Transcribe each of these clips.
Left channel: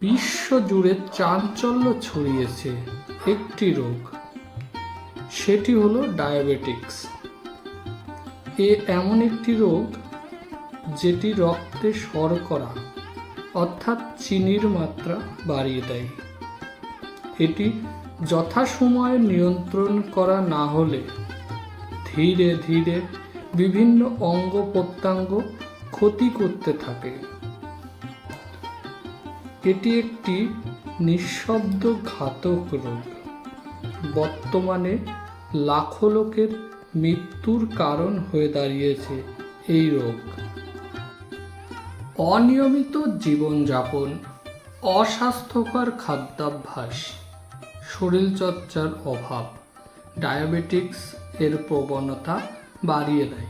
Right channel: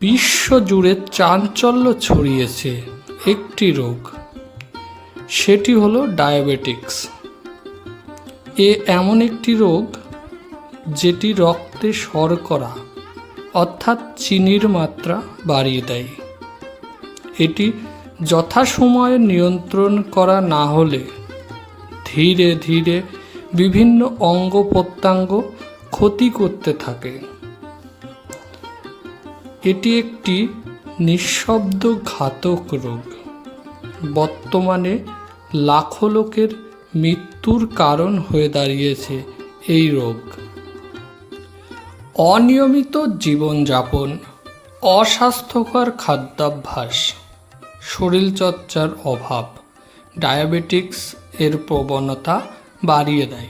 বিশ্বজুড়ে চাঞ্চল্য ছড়িয়েছে একটি রোগ। সেটি হলো ডায়াবেটিক্স। এ এমন একটি রোগ যেটি রক্তে শর্করা অর্থাৎ চিনির মাত্রা বাড়িয়ে দেয়। এটি যথাসময়ে নিয়ন্ত্রণ করা না হলে ধীরে ধীরে বিভিন্ন অঙ্গ প্রত্যঙ্গ ক্ষতি করতে থাকে। এটি একটি নিঃশব্দ ঘাতক রোগ। বর্তমানে লাখো লোকের মৃত্যুর কারণ হয়ে দাঁড়িয়েছে এই রোগ। অনিয়মিত জীবনযাপন, অস্বাস্থ্যকর খাদ্যাভ্যাস, শরীরচর্চার অভাব, ডায়াবেটিক্স এর প্রবণতা বাড়িয়ে দেয়।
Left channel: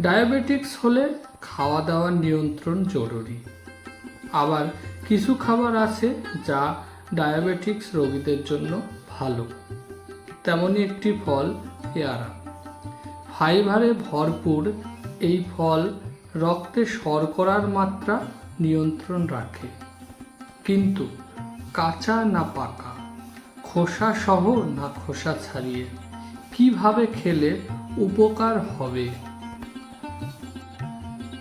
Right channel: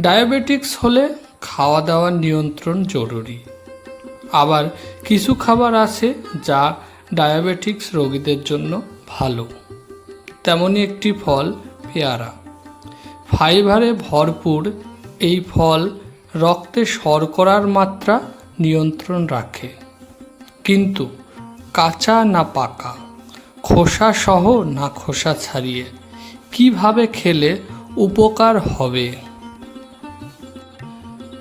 ডায়াবেটিক্স হলে খাওয়া দাওয়ার নিয়ন্ত্রণ জরুরি। আবার কিছু খাবার আছে যা ডায়াবেটিক্স রোগীদের জন্য ভালো। তেমনই একটি ফল, পেয়ারা। ফাইবারে ভরপুর এই ফল রক্তে শর্করার মাত্রা নিয়ন্ত্রণ রাখে। কিন্তু কাঁচা না পাকা, খোসা সহ না খোসা ছাড়িয়ে কীভাবে খেলে উপকার হবে?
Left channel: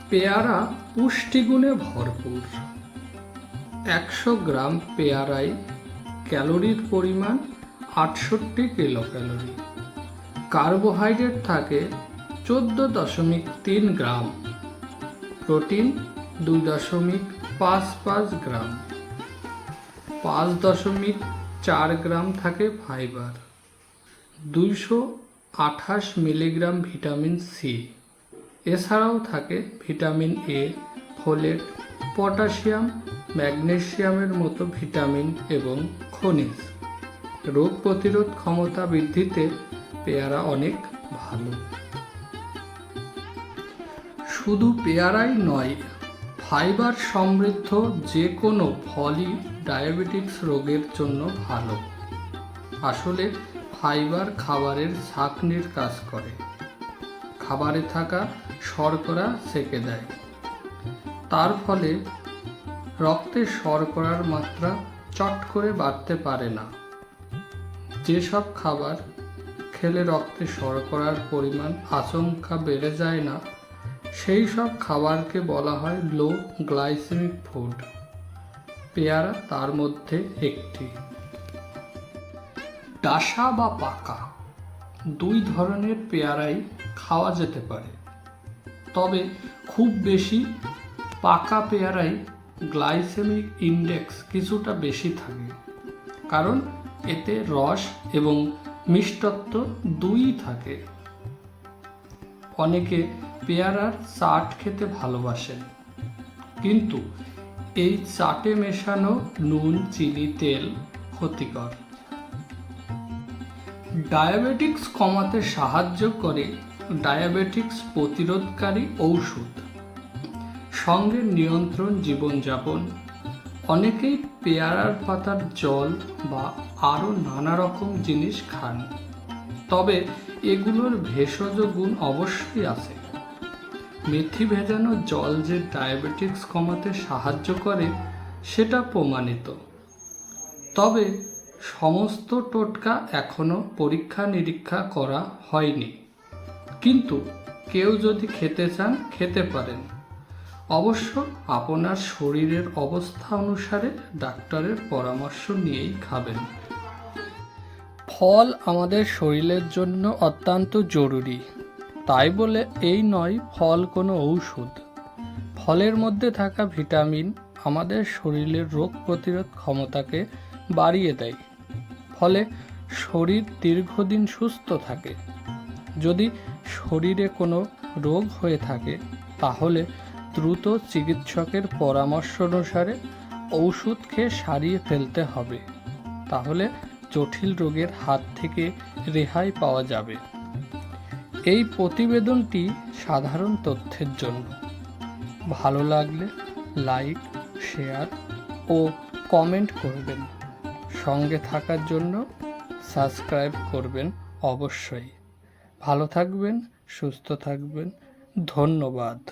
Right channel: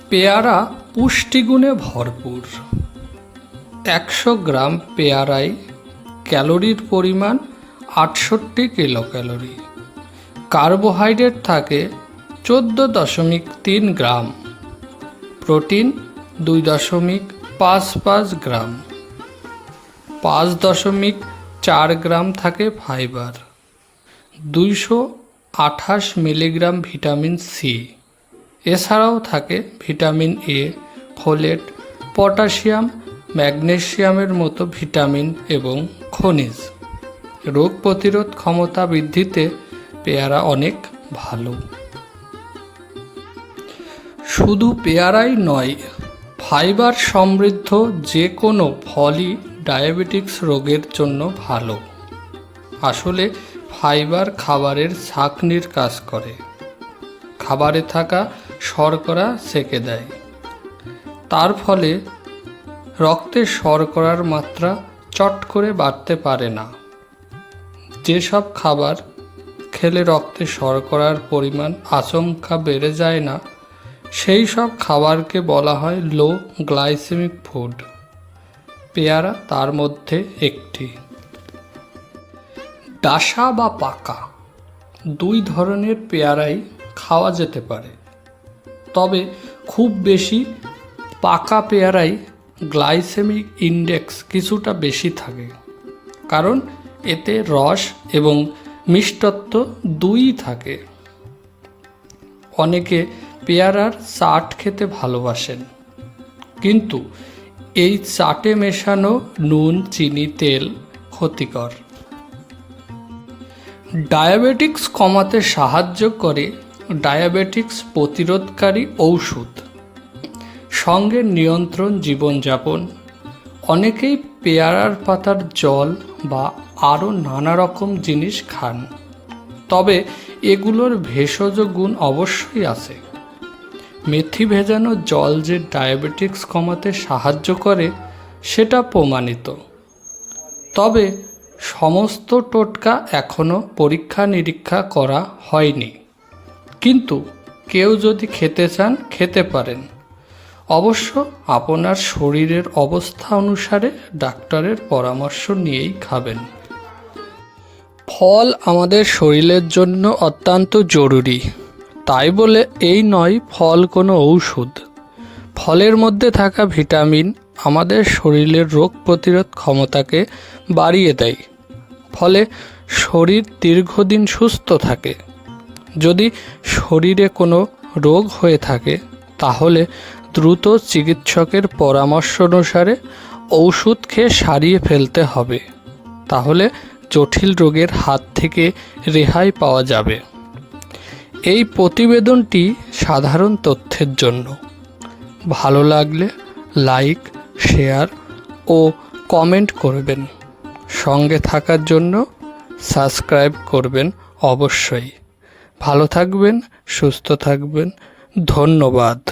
পেয়ারা পুষ্টিগুণে ভরপুর। একশো গ্রাম পেয়ারায় ক্যালোরির পরিমাণ আটষট্টি কিলো ক্যালোরি কার্বোহাইড্রেট থাকে চোদ্দ দশমিক তিন গ্রাম। প্রোটিন দুই দশমিক পাঁচ পাঁচ গ্রাম। পাঁচ দশমিক চার গ্রাম থাকে ফাইবার। দুইশো আঠাশ মিলিগ্রাম ভিটামিন সি। এছাড়াও থাকে ভিটামিন এ, ফোলেট, পটাশিয়াম ম্যাগনেসিয়ামের মতো ভিটামিন এবং খনিজ। রোগ প্রতিরোধ ক্ষমতা বৃদ্ধিতে পেয়ারা অনেক ভালো। শুধু পেয়ারাই নয়, ফাইবার সমৃদ্ধ যে কোনো ফলই ডায়াবেটিক্স রোগের জন্য ভালো। আসলে ফাইবার খাবারের ছাকনির কাজ করে। খাবারে থাকা শর্করা সেকে দেয়। তার ফলে রক্তে শর্করার মাত্রা চট করে বাড়তে পারে না। যেসব খাবার খেলে রক্তে শর্করার পরিমাণ আচমকা বেড়ে যায় না, সেই সব খাবারকে বলা হয় লো গ্লাইসেমিক ফুড। পেয়ারা তার মধ্যে একটি। ডাসা বা পাকা দুই ধরনের পেয়ারাই খাওয়া যেতে পারে। তবে খুব বেশি পাকা পেয়ারাই গ্লাইসেমিক ইন্ডেক্স কিছুটা বেশি থাকে, কারণ এতে রস এবং মিষ্টত্ব দুই থাকে। অনেকে পেয়ারার চাট খেতে ভালোবাসেন, কিন্তু এই চাটে মেশানো নুন, চিনি, তেল ক্ষতিকর। ডায়াবেটিক্স কমাতে সাহায্য করে ডায়াবেটিক্স প্রতিরোধকারী ঔষধ। সঙ্গে নিয়ন্ত্রণ জীবনযাপন, অনেকেই পেয়ারার পাতার জল বা আরও নানা রকম জিনিস খান। তবে এগুলোর ভেষজ গুণ অবশ্যই আছে। মেথি ভেজানো জল যে ডায়াবেটিক্স কমাতে সাহায্য করে, সেটা প্রমাণিত। তবে সমস্ত টোটকা এখনও পরীক্ষা নিরীক্ষা করা হয়নি। কিন্তু কেউ যদি খেতে চান, খেতে পারেন। অবশ্য আপনার শরীরের অবস্থা অনুসারে ডাক্তারের পরামর্শ নিয়েই খাবেন। ফল আমাদের শরীরের জন্য অত্যন্ত জরুরি। তাই বলে এই নয় ফল কোনো ঔষধ। ফলের মধ্যে থাকা ভিটামিন আমাদের শরীরের রোগ প্রতিরোধ ক্ষমতাকে বাড়িয়ে দেয়। ফলে শরীর দীর্ঘদিন সুস্থ থাকে। যদি শরীরে কোনো রোগ হয়ে থাকে, তাহলে দ্রুত চিকিৎসকের পরামর্শ অনুসারে ওষুধ খেয়ে সারিয়ে ফেলতে হবে। তাহলে জটিল রোগের হাত থেকে রেহাই পাওয়া যাবে। এই প্রতিবেদনটি সাধারণ তথ্যের জন্য। ভালো লাগলে লাইক, শেয়ার ও কমেন্ট করবেন। সঙ্গে থাকার জন্য সাবস্ক্রাইব করবেন অবশ্যই। ভালো থাকবেন, সুস্থ থাকবেন। ধন্যবাদ।